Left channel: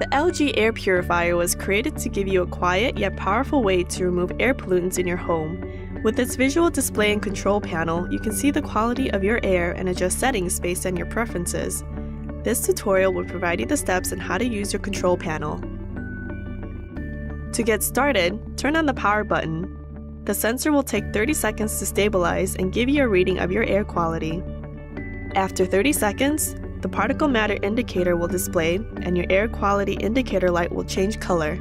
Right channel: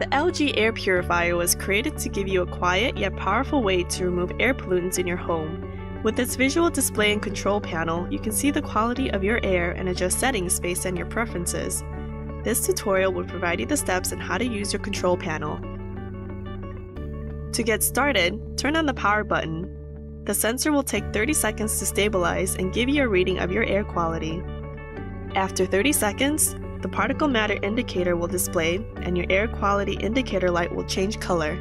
The LG air purifier was created to give you a quiet yet powerful way to remove air pollutants in your home. With its visual display and control panel, you can see the quality of your air and adjust settings based on your preferences. This tutorial will provide you the steps on how to use your control panel. To get started, turn on the power button. The sensor will take 30 seconds to stabilize and give you a reading of your air quality. After 30 seconds, the particle matter indicator will display and your air quality indicator light will change color.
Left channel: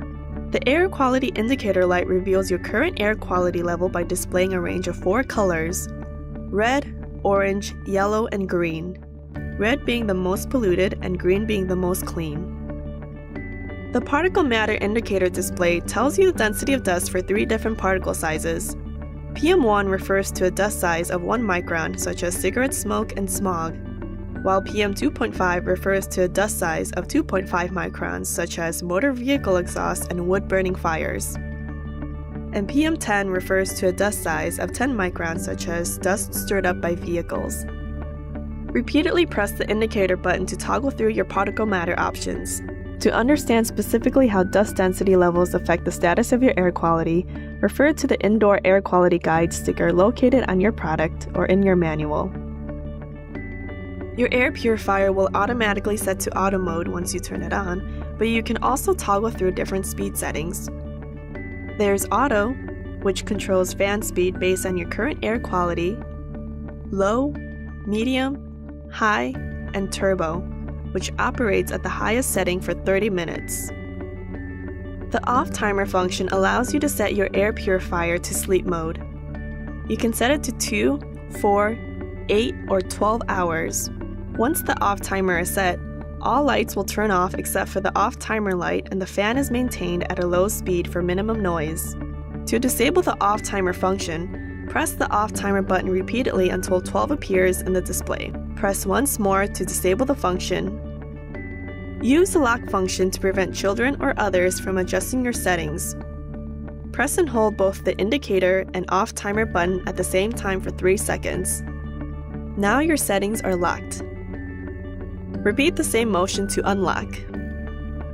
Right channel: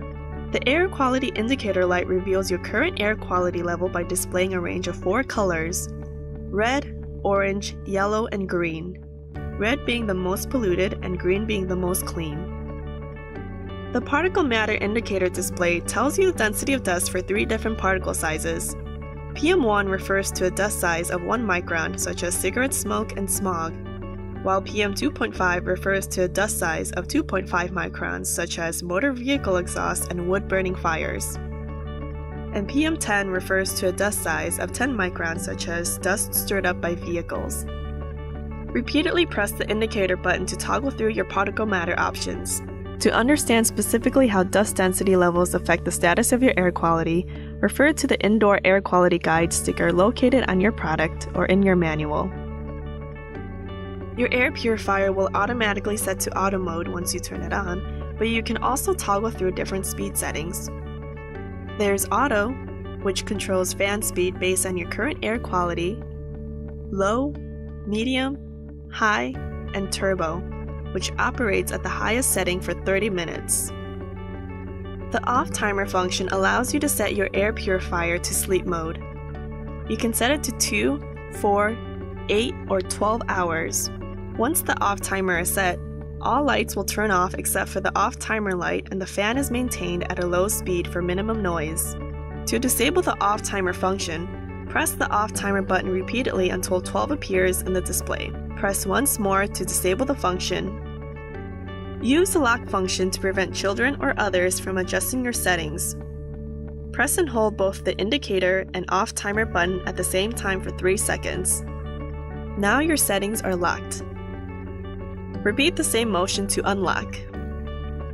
The air quality indicator light reveals your current air quality level by displaying a range of 4 colors: red, orange, yellow, and green. Red being the most polluted and green being the most clean. The particle matter indicator display tells you the density of dust for 3 different particle sizes. PM1 refers to a dust size of 1 micron, such as cigarette smoke and smog, while PM2.5 refers to a dust size of 2.5 microns, such as motor vehicle exhaust and wood-burning fires. And PM10 refers to a dust size of 10 microns, such as dust stirred up by vehicles. Repeatedly press the indicator button to toggle through your particle matter options. To understand specifically how dust density levels affect the status of your air quality, refer to the Indoor Air Quality Guide sticker located on your product or in your manual. Your air purifier will automatically set to auto mode once you turn it on, but you can also toggle through different speed settings. There's auto, which controls fan speed based on your current air quality, low, medium, high, and turbo, which operates at the highest setting for 30 minutes. The off timer function allows you to set your air purifier to sleep mode. You can set it to 2, 4, 8, or 12 hours. Once the off timer is set, all lights will turn off except for the off timer light, and the fan is maintained at a low speed for minimum noise. To disable the off timer function, press the off timer button repeatedly until 12 appears in the display. Press once more to disable the function. Use the lock function to prevent children or others from adjusting your settings. Press and hold both the indicator and off timer button at the same time for 3 seconds. Now your settings are locked. Repeat the same motion to unlock.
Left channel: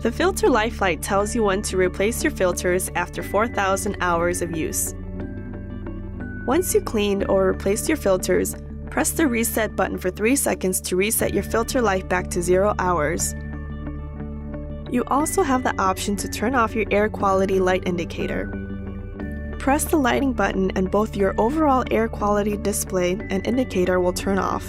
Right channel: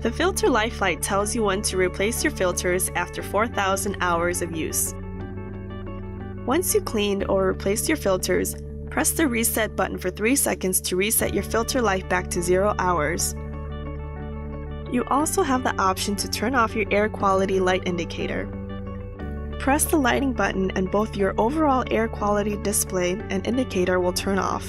The filter life light tells you when to replace your filters after 4,000 hours of use. Once you cleaned or replaced your filters, press the reset button for 3 seconds to reset your filter life back to 0 hours. You also have the option to turn off your air quality light indicator. Press the lighting button and both your overall air quality display and indicator will turn off.